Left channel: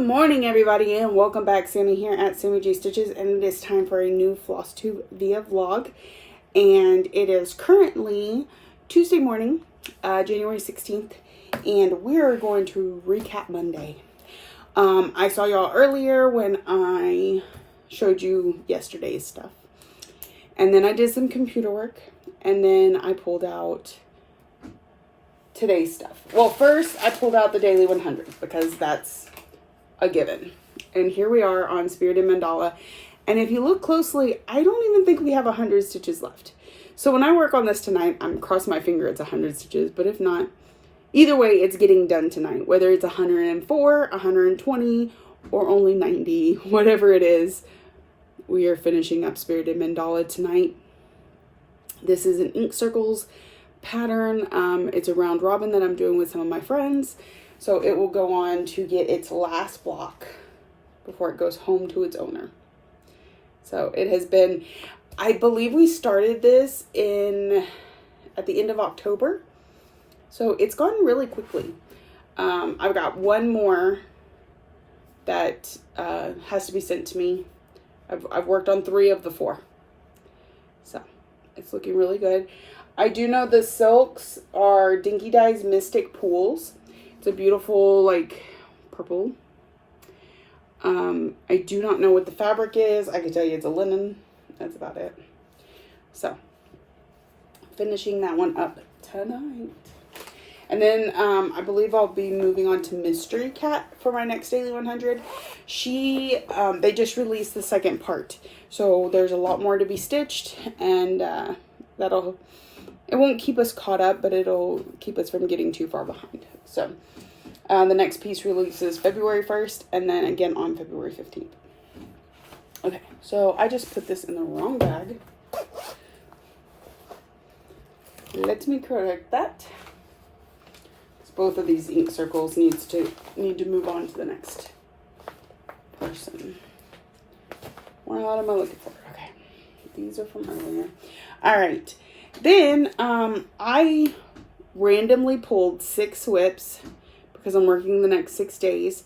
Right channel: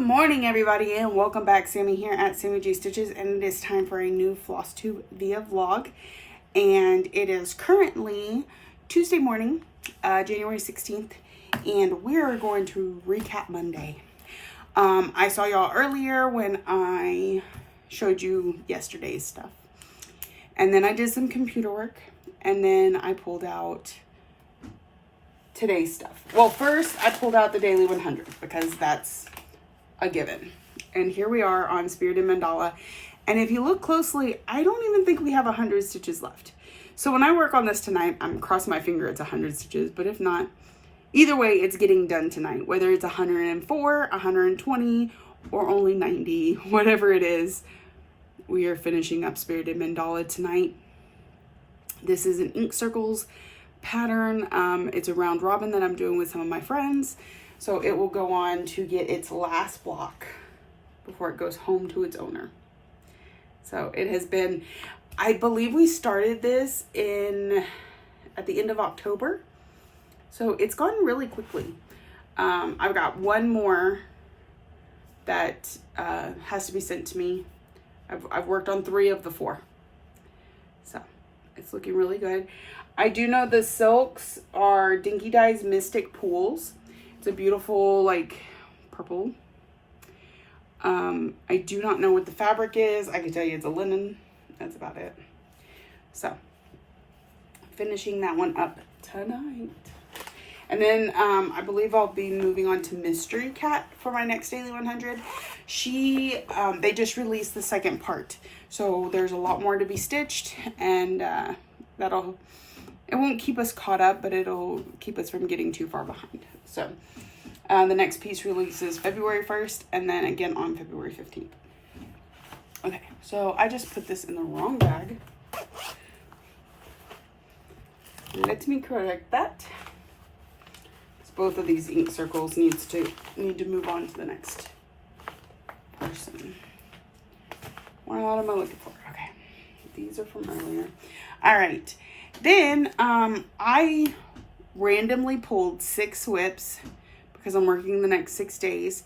morning, everybody, and welcome back. Sammy here at Sammy G Stitches, and it is time for a new Flosstube via vlog. And it is currently Tuesday morning, January 16th, and we're going to recap Monday. I saw y'all earlier when I showed you yesterday's stuff, and then I did some computer work, and then I pulled out today's stuff. Well, first I pulled out the daily 100 because that's a given. And here we are on Spirited Mandala. And if you look closely, I don't even think we have 100 stitches left. So when I work on this tonight, I'm crossing my finger it's 100 stitches, but if not, either way, it's getting done tonight. Whether it's 104, 120, or only 90, whatever it is, we are finishing up Spirited Mandala tonight. This is an ink circles pattern. It's a round robin that I'm doing with some of my friends. So it will go on to get its last block before it goes home to its owner. So it has been, I believe we started this at the end of October. So it's gone really quickly. I've got one more that has to be sent to me. I've worked on 3 of the 4. So it's looking really good. I do know the silks are Dinky Dye's Mystic Pools. It's a beautiful, like, purple. I do not know what the fabric is. I can tell you it's a linen. That's about it. So, finishing that one up tonight. And then, I believe I'll be moving on to Mystery Cat for my next Daily 100. They just released the second part. So, there's a lot more to be stitched. And, it won't keep us caught up, but it'll keep us from getting too far behind. So, the next piece releases February 1st, and then again on February 15th. Okay, so I just put this in the wrong bag. Let me correct that. Both of these ink circles need to move on to the next person. What am I looking for? Okay, these are from earlier. All right. Then, I randomly pulled 6 whips because I'm working the next 6 days.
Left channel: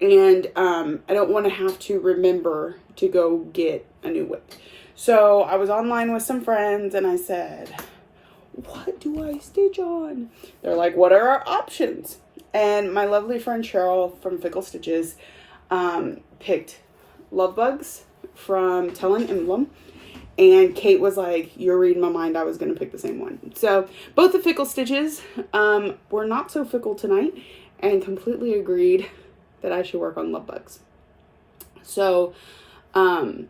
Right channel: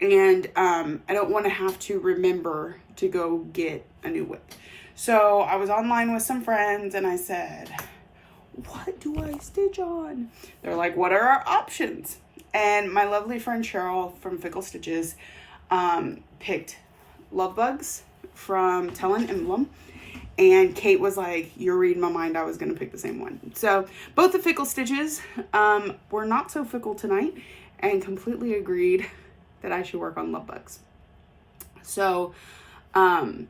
And, I don't want to have to remember to go get a new whip. So, I was online with some friends and I said, what do I stitch on? They're like, what are our options? And my lovely friend Cheryl from Fickle Stitches, picked Love Bugs from Tell an Emblem. And Kate was like, you're reading my mind. I was going to pick the same one. So both the Fickle Stitches were not so fickle tonight and completely agreed that I should work on Love Bugs. So that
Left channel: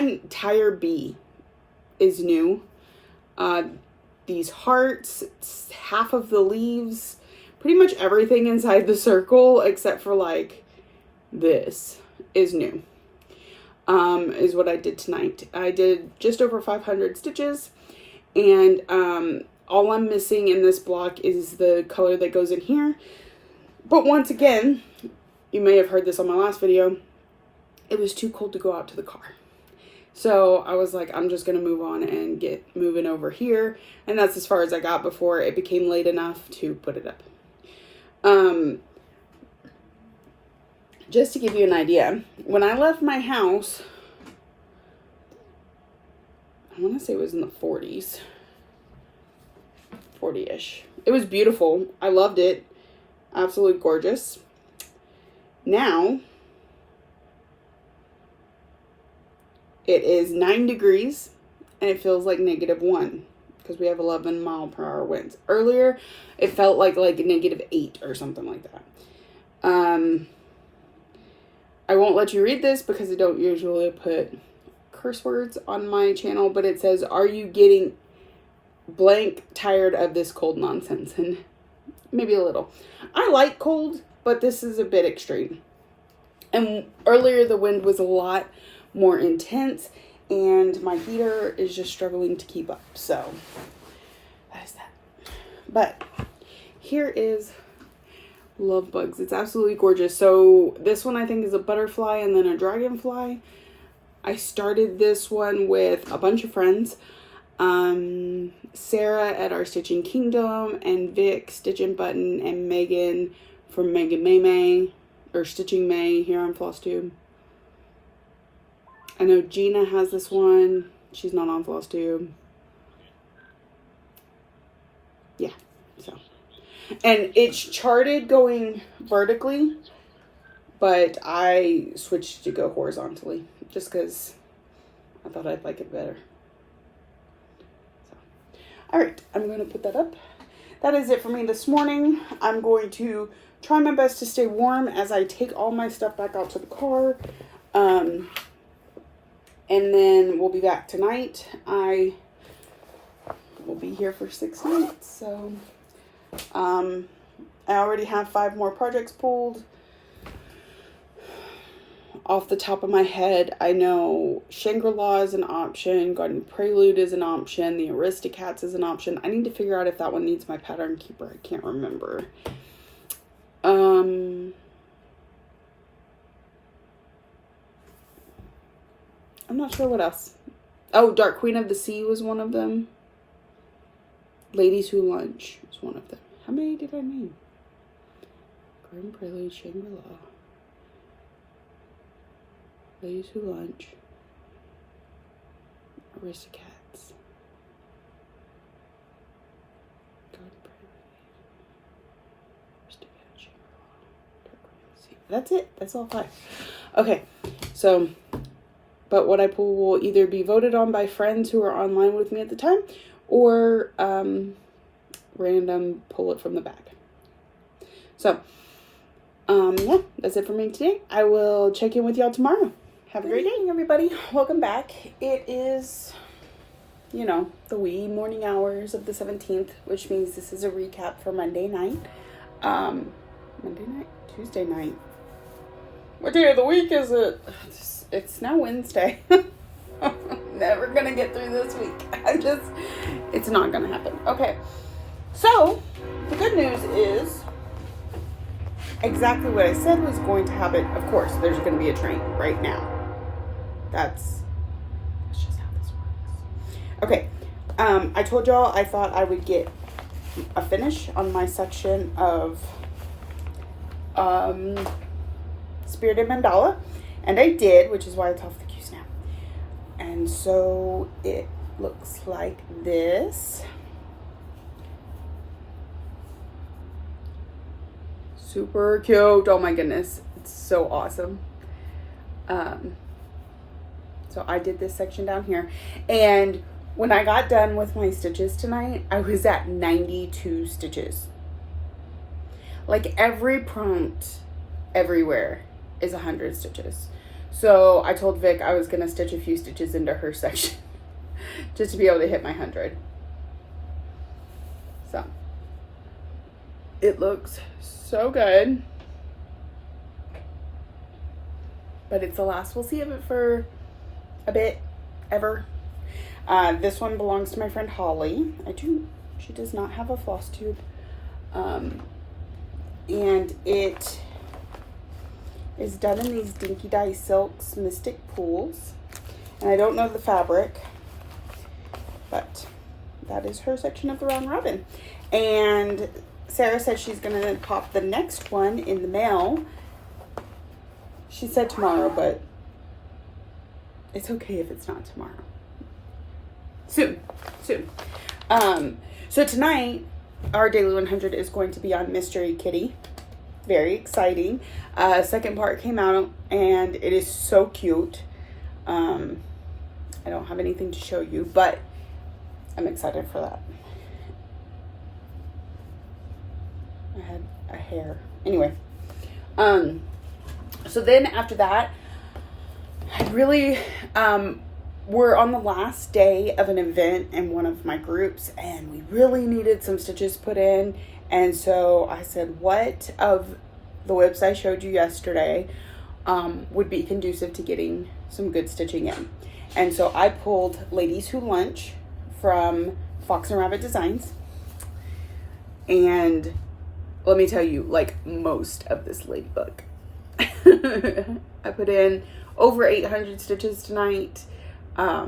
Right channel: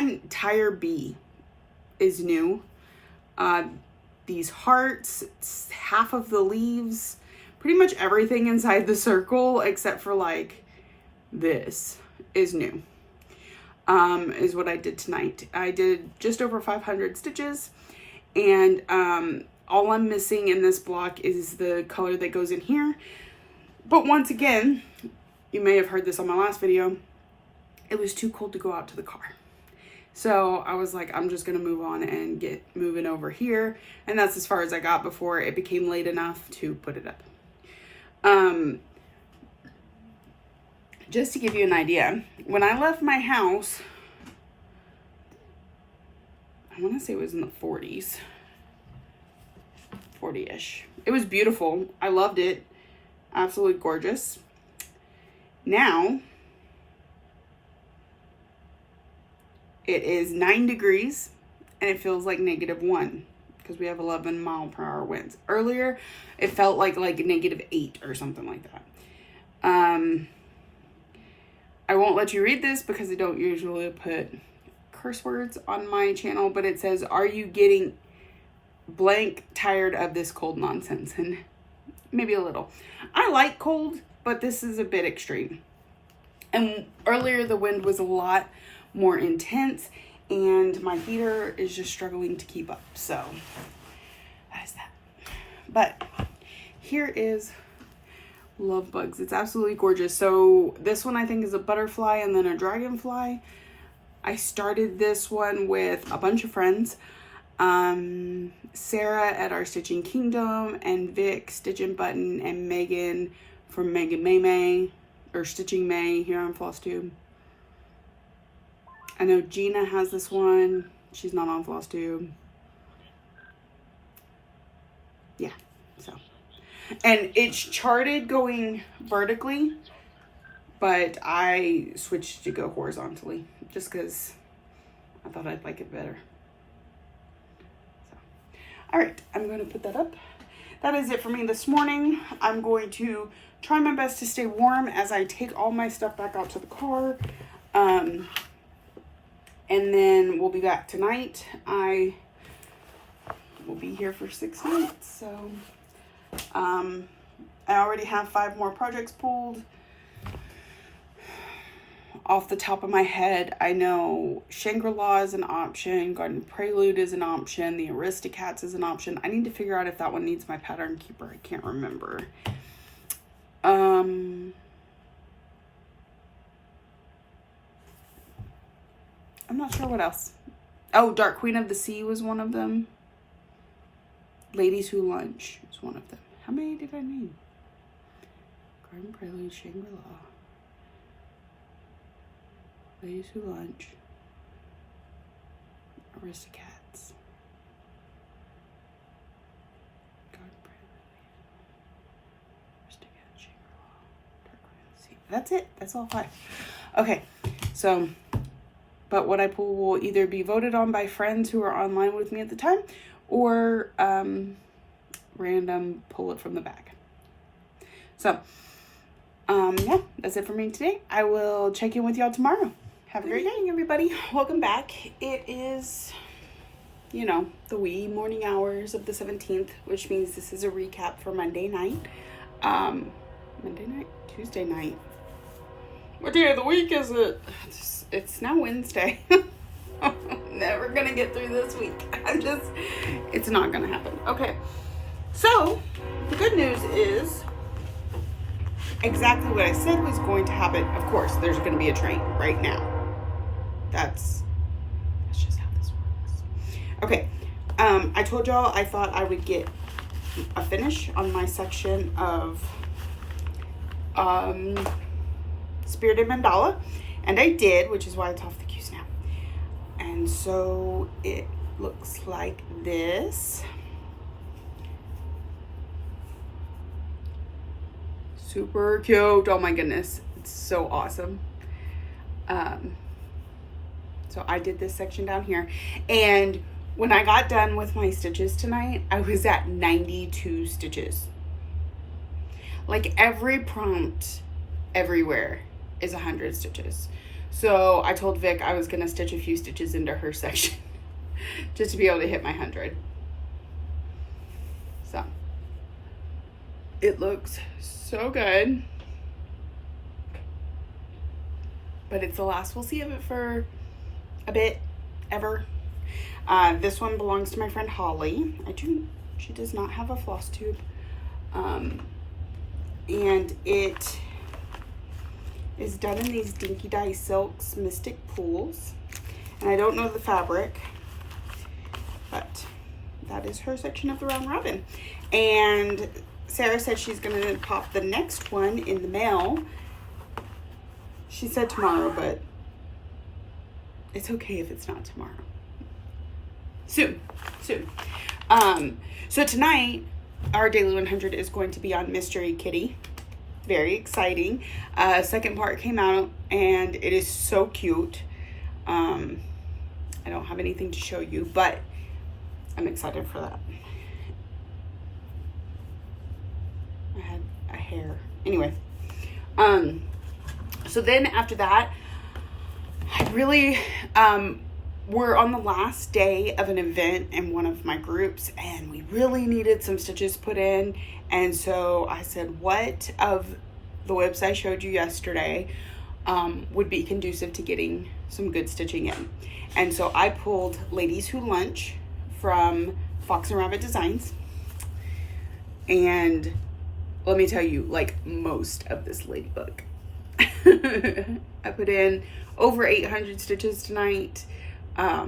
entire bee is new. These hearts, half of the leaves, pretty much everything inside the circle except for like this is new. Is what I did tonight. I did just over 500 stitches, and all I'm missing in this block is the color that goes in here. But once again, you may have heard this on my last video, it was too cold to go out to the car. So I was like, I'm just going to move on and get moving over here. And that's as far as I got before it became late enough to put it up. Just to give you an idea, when I left my house, I want to say it was in the 40s, 40-ish. It was beautiful. I loved it. Absolutely gorgeous. Now, it is 9 degrees, and it feels like -1 because we have 11-mile-per-hour winds. Earlier, it felt like -8 or something like that. I won't let you read this because I don't usually put curse words on my channel, but it says, are you getting blank tired of this cold nonsense? And maybe a little. I like cold, but this is a bit extreme. And earlier the wind was a lot more intense and my heater is just struggling to keep up. So that is that. But here is Love Bugs. It's absolutely gorgeous. So this one I think is a butterfly and then a dragonfly. I started this one with a bunch of friends. Sarah at Our Stitching Kingdom and Vic, Stitch and Button, and Megan from Megan May, or Stitching May here on Flosstube. I know Gina has this one. She's not on Flosstube. Yeah, so. And it's charted going vertically, but I switched to go horizontally just because I thought I'd like it better. So, all right, I'm going to put that up. That is it for me this morning. I'm going to try my best to stay warm as I take all my stuff back out to the car. And then we'll be back tonight. I will be here for 6 nights, so I already have 5 more projects pulled. Off the top of my head, I know Shangri-La is an option, Garden Prelude is an option, the Aristocats is an option. I need to figure out if that one needs my pattern keeper. I can't remember. I'm not sure what else. Oh, Dark Queen of the Sea was one of them. Ladies Who Lunch was one of them. How many did I name? Garden Prelude, Shangri-La. Ladies Who Lunch. Aristocats. Garden Prelude. Aristocats, Shangri-La. Dark Queen of the Sea. That's it. That's all 5. Okay, so... But what I pull will either be voted on by friends who are online with me at the time, or random pull it from the bag. So, yeah, that's it for me today. I will check in with y'all tomorrow. Have a great day, everybody. Welcome back. It is, the wee morning hours of the 17th, which means this is a recap for Monday night. Tuesday night. What day of the week is it? It's now Wednesday. Never gonna get through this week. It's not gonna happen. Okay. So, the good news is exactly what I said was going to happen. Of course, there's gonna be a train right now. That's just how this works. Okay. I told y'all I thought I would get a finish on my section of Spirited Mandala. And I did, which is why it's off the queue snap. And so it looks like this. Super cute. Oh my goodness. It's so awesome. So I did this section down here. And when I got done with my stitches tonight, I was at 92 stitches. Like every prompt everywhere is 100 stitches. So I told Vic I was gonna stitch a few stitches into her section just to be able to hit my 100. So it looks so good, but it's the last we'll see of it for a bit, ever. This one belongs to my friend Holly. She does not have a Flosstube, and it is done in these Dinky Dye Silks Mystic Pools. And I don't know the fabric, but that is her section of the Round Robin. And Sarah said she's going to pop the next one in the mail. She said tomorrow, but it's okay if it's not tomorrow. Soon. So tonight, our Daily 100 is going to be on Mystery Kitty. Very exciting. Second part came out and it is so cute. I don't have anything to show you, but I'm excited for that. I had a hair. Anyway. So then after that, I really, we're on the last day of an event in one of my groups and we really needed some stitches put in. And so I said, what of the whips I showed you yesterday would be conducive to getting some good stitching in? And so I pulled Ladies Who Lunch from Fox and Rabbit Designs. And let me tell you, like most of this ladybug. I put in over 800 stitches tonight. Yeah,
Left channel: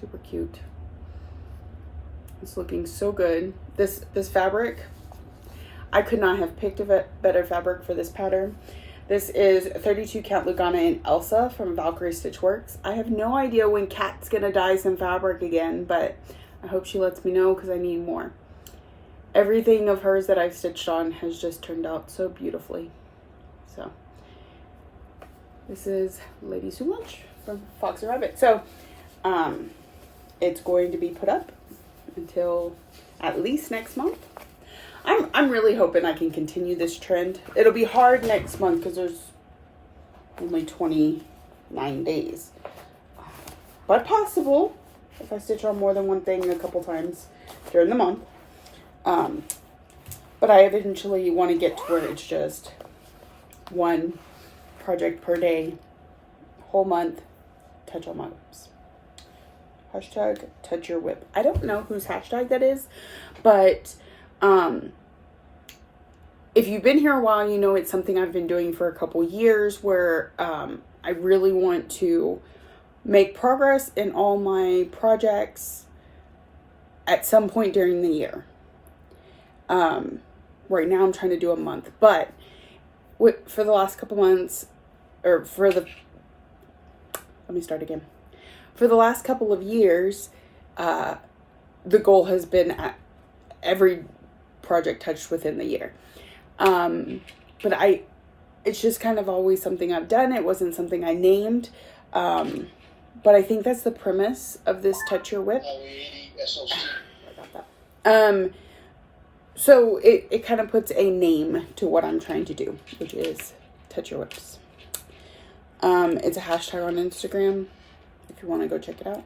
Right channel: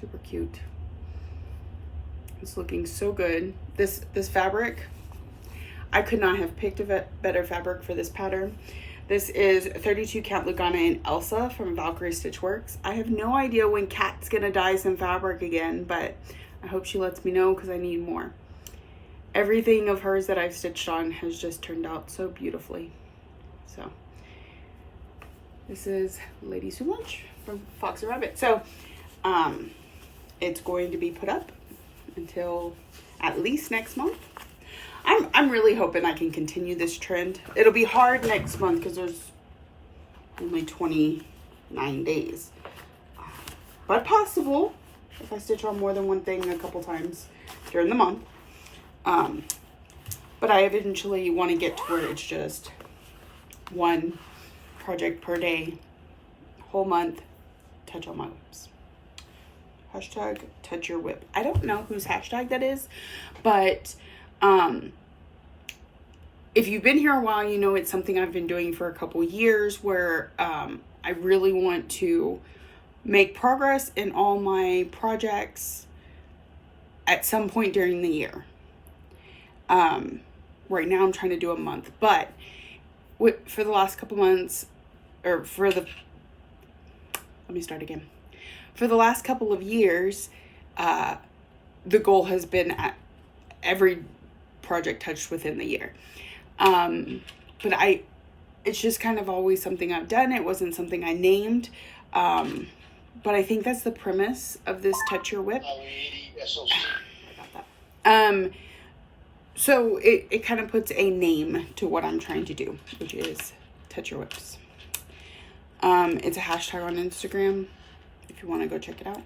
super cute. It's looking so good. This fabric, I could not have picked a better fabric for this pattern. This is 32 count Lugana and Elsa from Valkyrie Stitchworks. I have no idea when Kat's gonna dye some fabric again, but I hope she lets me know because I need more. Everything of hers that I've stitched on has just turned out so beautifully. So this is Lady Sue Lunch from Foxy Rabbit. So it's going to be put up until at least next month. I'm really hoping I can continue this trend. It'll be hard next month because there's only 29 days. But possible if I stitch on more than one thing a couple times during the month. But I eventually want to get to where it's just one project per day, whole month, touch on my whips. Hashtag touch your whip. I don't know whose hashtag that is, but if you've been here a while, you know it's something I've been doing for a couple years where I really want to make progress in all my projects at some point during the year. Right now I'm trying to do a month, but for the last couple months, or let me start again. For the last couple of years, the goal has been at every project touched within the year. But it's just kind of always something I've done. It wasn't something I named. But I think that's the premise of this Touch Your Whip. I got that. So it kind of puts a name to what I'm trying to do, which is Touch Your Whips. It's a hashtag on Instagram if you want to go check it out.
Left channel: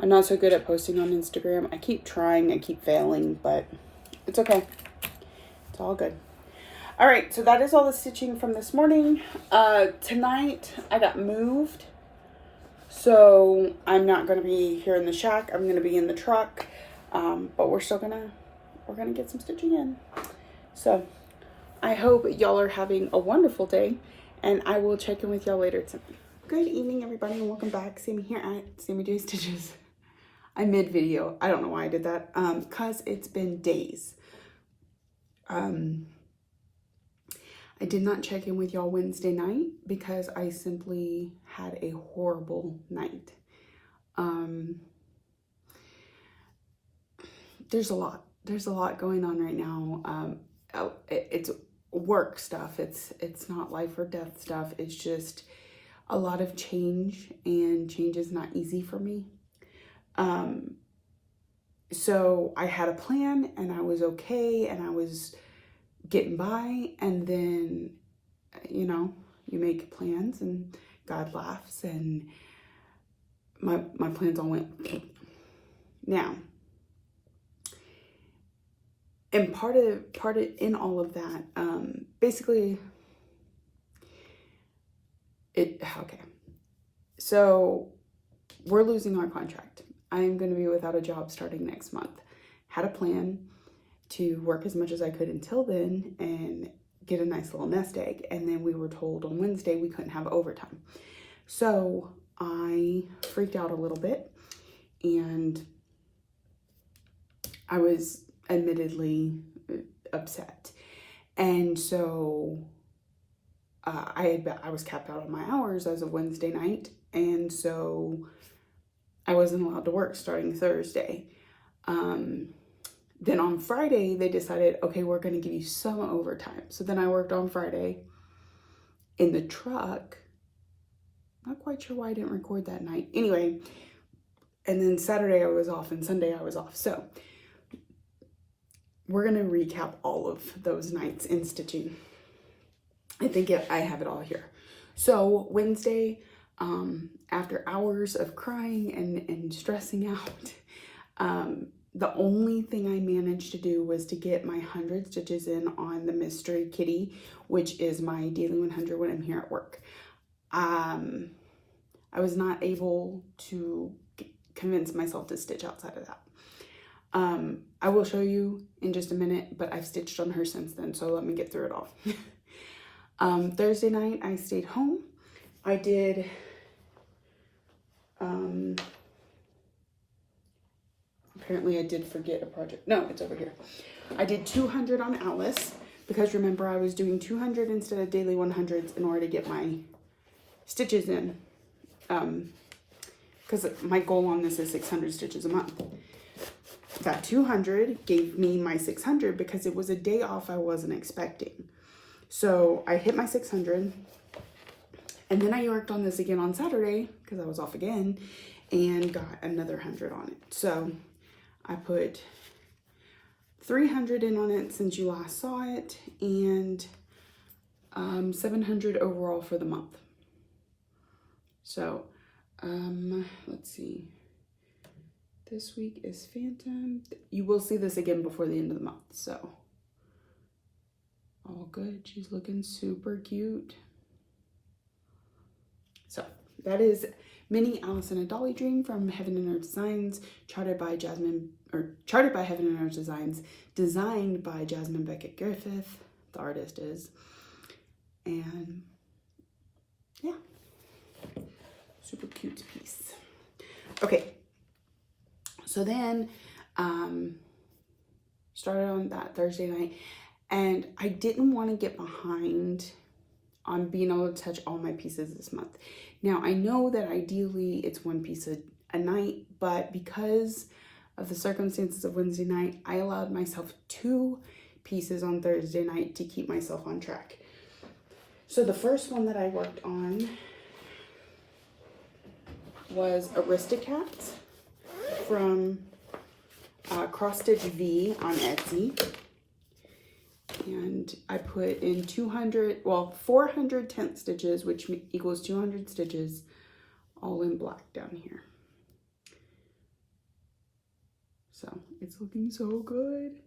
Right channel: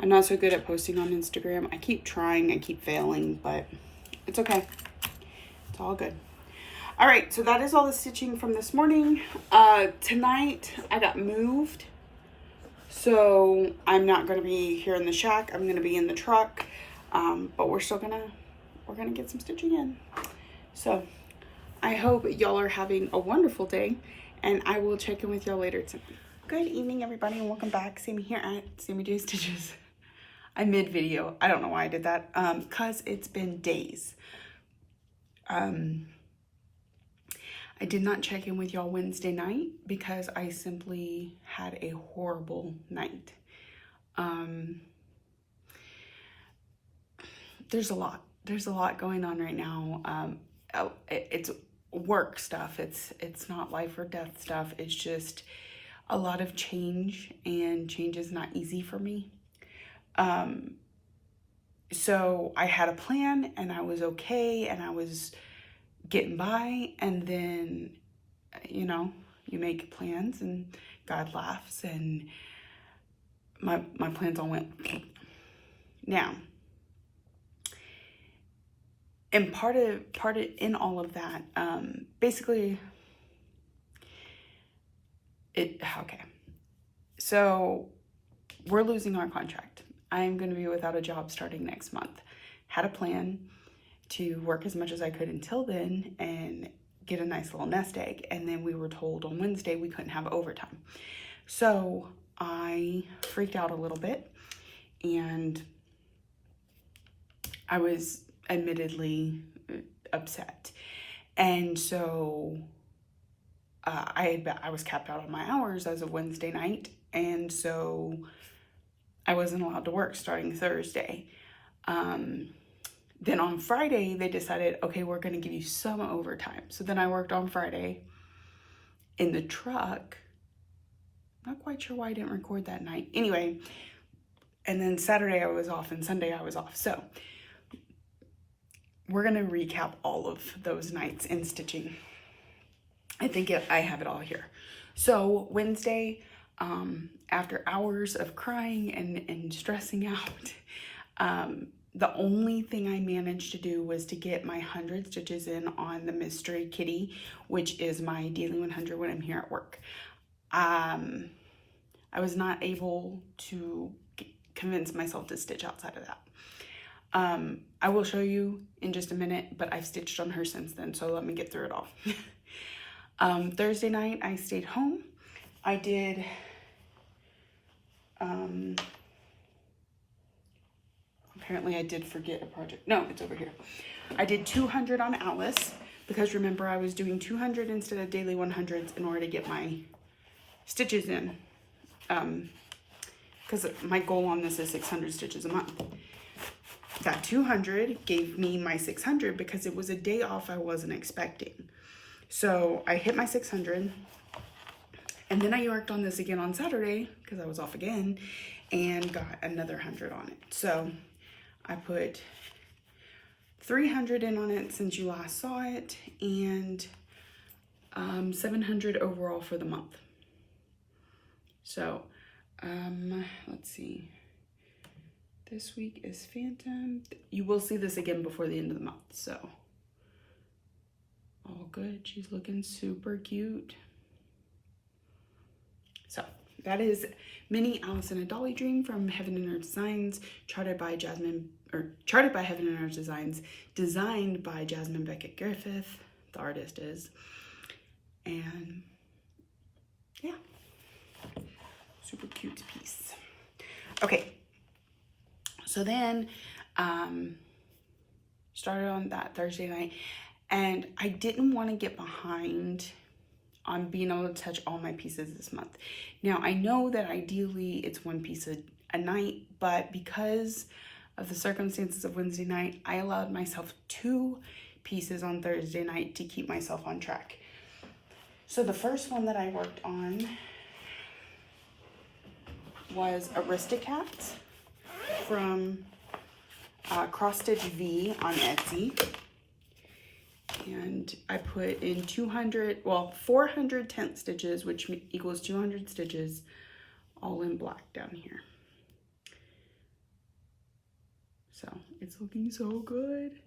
I'm not so good at posting on Instagram. I keep trying, I keep failing, but it's okay. It's all good. All right, so that is all the stitching from this morning. Tonight I got moved, so I'm not going to be here in the shack. I'm going to be in the truck, but we're gonna get some stitching in. So I hope y'all are having a wonderful day, and I will check in with y'all later tonight. Good evening, everybody, and welcome back. Sammy here at Sammy J Stitches. I'm mid video. I don't know why I did that. Cause it's been days. I did not check in with y'all Wednesday night because I simply had a horrible night. There's a lot going on right now. It's work stuff. It's not life or death stuff. It's just a lot of change, and change is not easy for me. So I had a plan and I was okay and I was getting by, and then, you know, you make plans and God laughs, and my plans all went now. And part of in all of that, basically, okay. So we're losing our contract. I'm going to be without a job starting next month. Had a plan to work as much as I could until then and get a nice little nest egg. And then we were told on Wednesday we couldn't have overtime. So I freaked out a little bit, and I was admittedly upset. And so I was capped out on my hours as of Wednesday night, and so I wasn't allowed to work starting Thursday. Then on Friday they decided, okay, we're going to give you some overtime. So then I worked on Friday in the truck. Not quite sure why I didn't record that night. Anyway, and then Saturday I was off and Sunday I was off. So we're going to recap all of those nights in stitching. I think I have it all here. So Wednesday, after hours of crying and stressing out, the only thing I managed to do was to get my 100 stitches in on the Mystery Kitty, which is my daily 100 when I'm here at work. I was not able to convince myself to stitch outside of that. I will show you in just a minute, but I've stitched on her since then, so let me get through it all. Thursday night, I stayed home. I did, apparently I did forget a project. No, it's over here. I did 200 on Alice because remember I was doing 200 instead of daily 100s in order to get my stitches in. Because my goal on this is 600 stitches a month. That 200 gave me my 600 because it was a day off I wasn't expecting. So I hit my 600, and then I worked on this again on Saturday because I was off again and got another 100 on it. So I put 300 in on it since you last saw it, and 700 overall for the month. So let's see. This week is Phantom. You will see this again before the end of the month, so all good. She's looking super cute. So that is Mini Alice in a Dolly Dream from Heaven and Earth Designs, charted by Heaven and Earth Designs, designed by Jasmine Beckett Griffith, the artist is, and yeah, super cute piece. Okay, so then started on that Thursday night, and I didn't want to get behind on being able to touch all my pieces this month. Now, I know that ideally it's one piece a night, but because of the circumstances of Wednesday night, I allowed myself 2 pieces on Thursday night to keep myself on track. So the first one that I worked on was Aristocats from Cross Stitch V on Etsy. And I put in 400 tent stitches, which equals 200 stitches, all in black down here. So it's looking so good.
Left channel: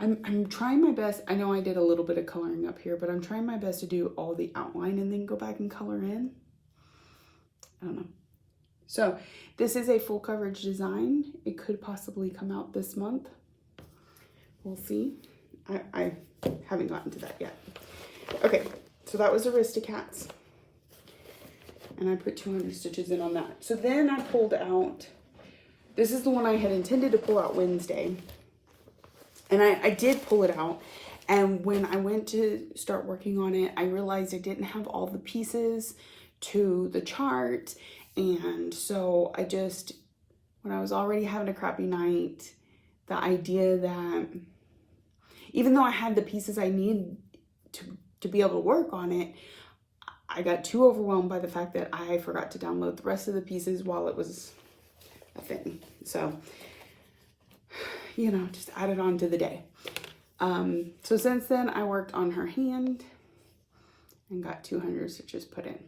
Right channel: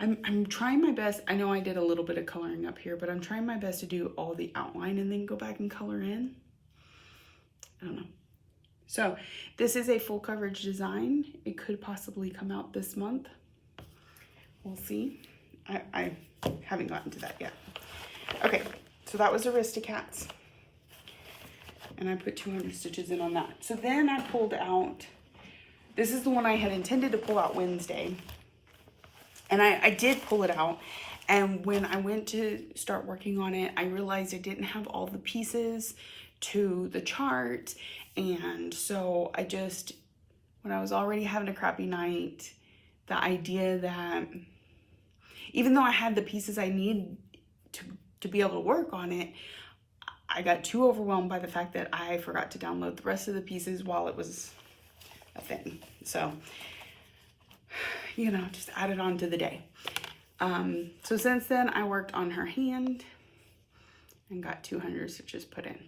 I'm trying my best. I know I did a little bit of coloring up here, but I'm trying my best to do all the outline and then go back and color in. I don't know. So this is a full coverage design. It could possibly come out this month. We'll see. I haven't gotten to that yet. Okay, so that was Aristocats. And I put 200 stitches in on that. So then I pulled out, this is the one I had intended to pull out Wednesday. And I did pull it out. And when I went to start working on it, I realized I didn't have all the pieces to the chart. And so I just, when I was already having a crappy night, the idea that even though I had the pieces I need to be able to work on it, I got too overwhelmed by the fact that I forgot to download the rest of the pieces while it was a thing. So, you know, just added on to the day. So since then, I worked on her hand and got 200 stitches put in.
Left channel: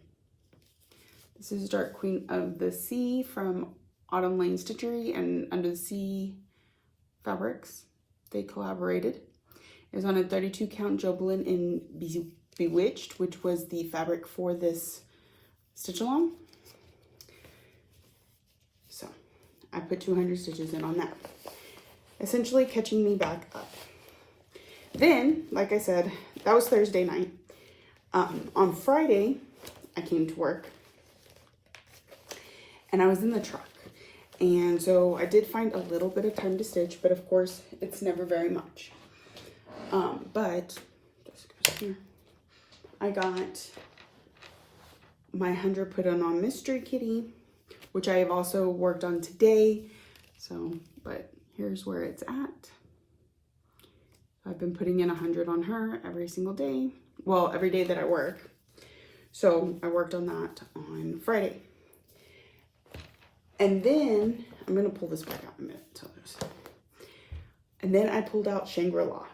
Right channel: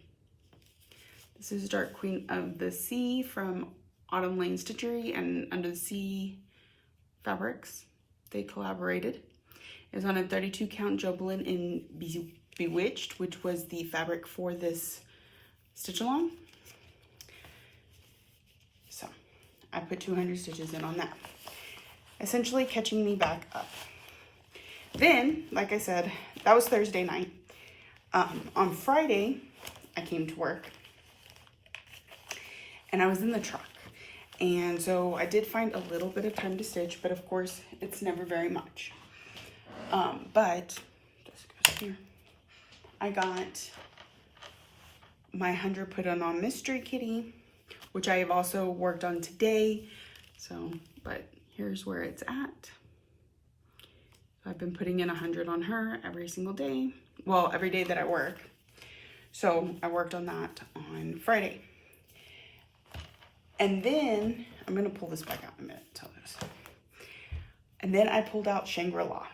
This is Dark Queen of the Sea from Autumn Lane Stitchery and Under the Sea Fabrics. They collaborated. It was on a 32 count Jobelan in Bewitched, which was the fabric for this stitch along. So I put 200 stitches in on that, essentially catching me back up. Then, like I said, that was Thursday night. On Friday, I came to work and I was in the truck. And so I did find a little bit of time to stitch, but of course it's never very much. But just goes here. I got my 100 put on Mystery Kitty, which I have also worked on today. So, but here's where it's at. I've been putting in 100 on her every single day. Well, every day that I work. So I worked on that on Friday. And then, I'm going to pull this back out in a minute. Tell this. And then I pulled out Shangri-La.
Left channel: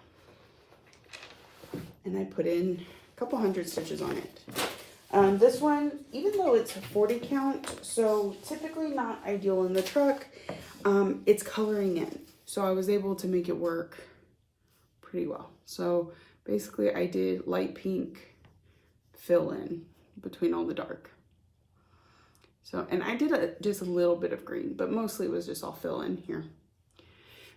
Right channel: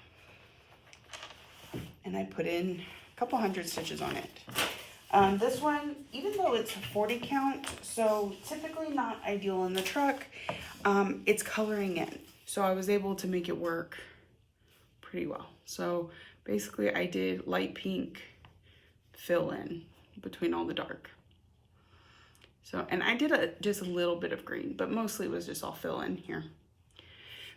And I put in a couple hundred stitches on it. This one, even though it's a 40 count, so typically not ideal in the truck, it's coloring in. So I was able to make it work pretty well. So basically I did light pink fill in between all the dark. So, and I did just a little bit of green, but mostly it was just all fill in here.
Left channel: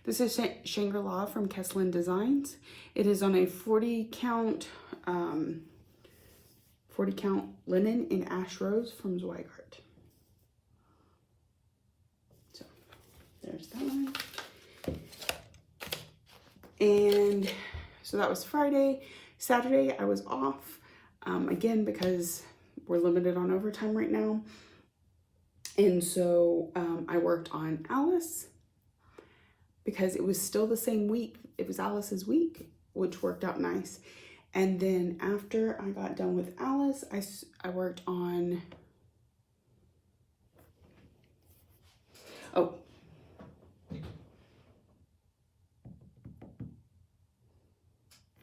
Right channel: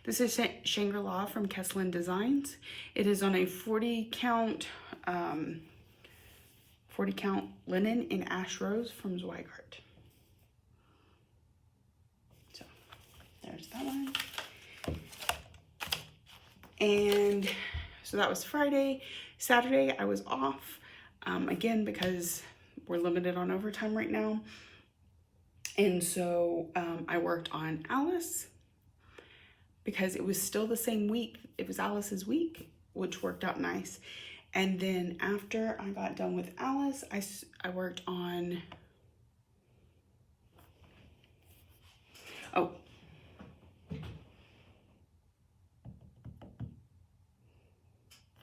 This is Shangri-La from Kesslin Designs. It is on a 40 count linen in Ash Rose from Zweigart. So there's that one. And so that was Friday. Saturday I was off, again, because we're limited on overtime right now. And so I worked on Alice because it was still the same week. It was Alice's week, which worked out nice. And then after I got done with Alice, I worked on,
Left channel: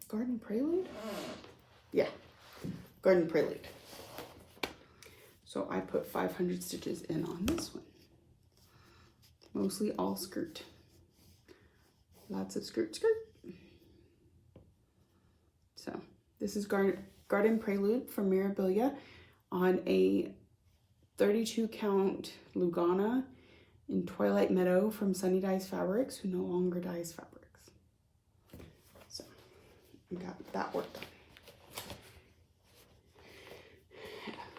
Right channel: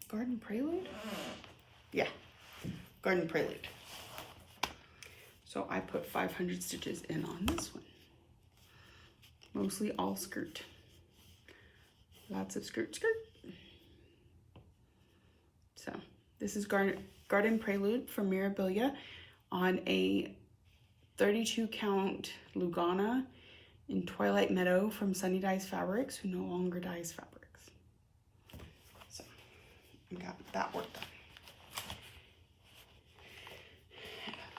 Garden Prelude? Yeah, Garden Prelude. So I put 500 stitches in on this one. Mostly all skirt. Lots of skirt. So this is Garden Prelude from Mirabilia on a 32 count Lugana in Twilight Meadow from Sunny Dyes Fabrics, who no longer dyes fabrics. So I got that work done.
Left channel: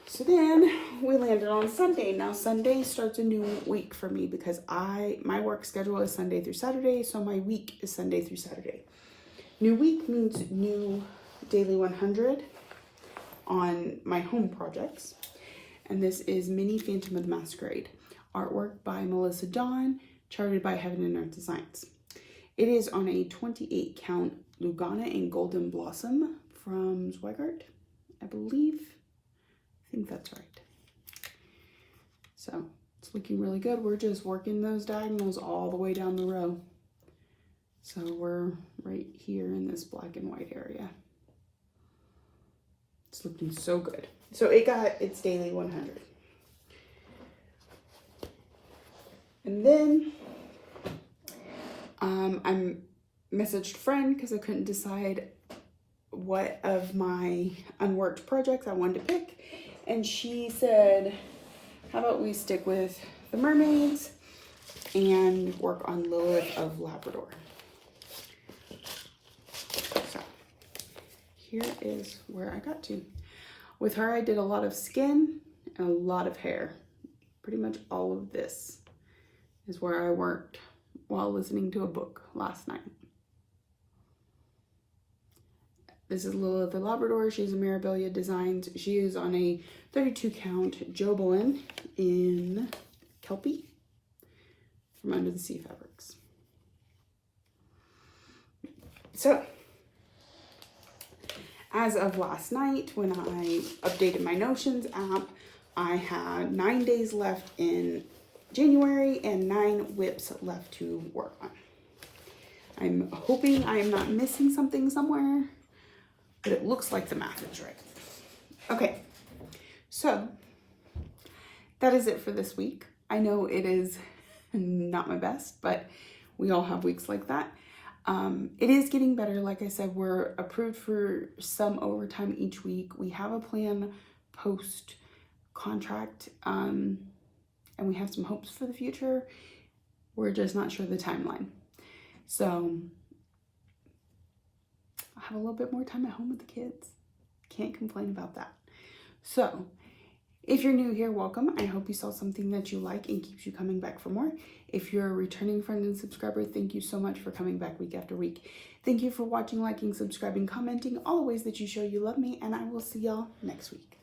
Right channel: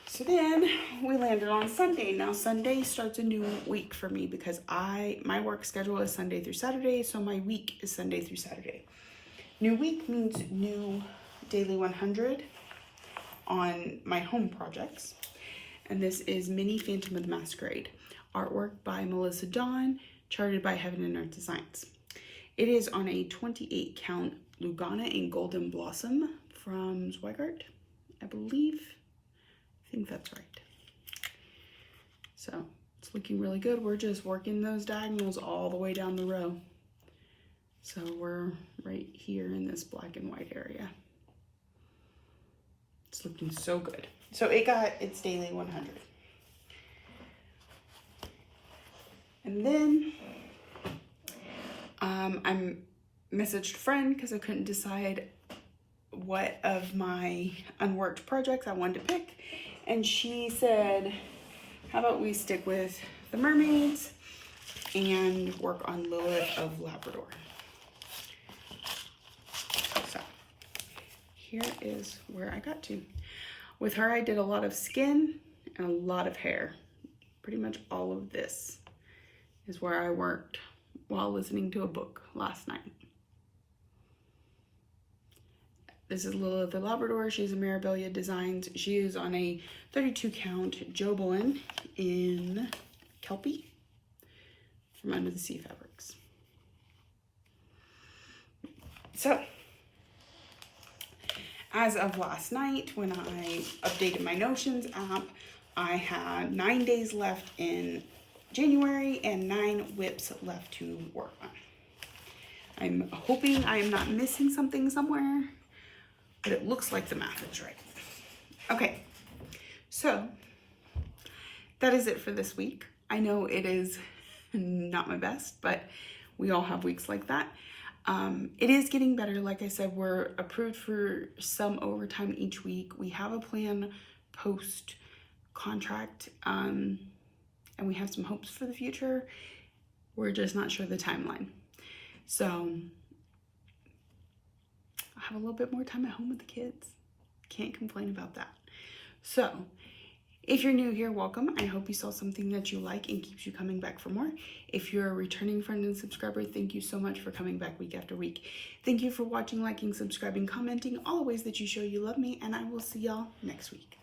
So then we landed on Sunday. Now Sunday starts a new week for me because my work schedule is Sunday through Saturday, so my week is Sunday through Saturday. New week means new daily 100 on my home projects. And this is Mini Phantom of the Masquerade. Artwork by Melissa Dawn, charted by Heaven and Earth Designs. It is on a 28 count Lugana in Golden Blossom from Zweigart, I believe. I think that's right. So it's looking really good. We're just working those diagonals all the way down the row. So we're right here in this black and white area. It's looking so good. So it got its daily 100. And then I messaged a friend because I couldn't decide what of my unworked projects I wanted to pick. And she said, how about we stick with the mermaids and work on Lilith of Labrador. So here is where I got to. With her, I did a lot of skin and a lot of hair. Pretty much all of this is where I worked while listening to a book last night. This is Lilith the Labrador. She's a Mirabilia Designs. She is on a 32 count Jobelin in Kelpie from Under the Sea Fabrics. So, as of last night, when I updated my Notions app, I had 9 days left in January and 9 whips left to work on. I'm hoping I am not missing something somewhere, but it looks like the math is right. Okay, so that is it for this week. I know it is not my best, but we all have weeks like that. It is getting better. Like I said, we're approved for some overtime each week. We have a plan post contract, and we have some hopes for the future. We're just not sure the timeline. So I have a little bit more time at home with the kids. Can't complain about that. So if you're new here, welcome. I hope you saw something that you like and keeps you coming back for more. If you're a returning friend and subscriber, thank you so much for coming back week after week. Thank you for watching, liking, subscribing, commenting, all the ways that you show you love me, and I will see y'all next week.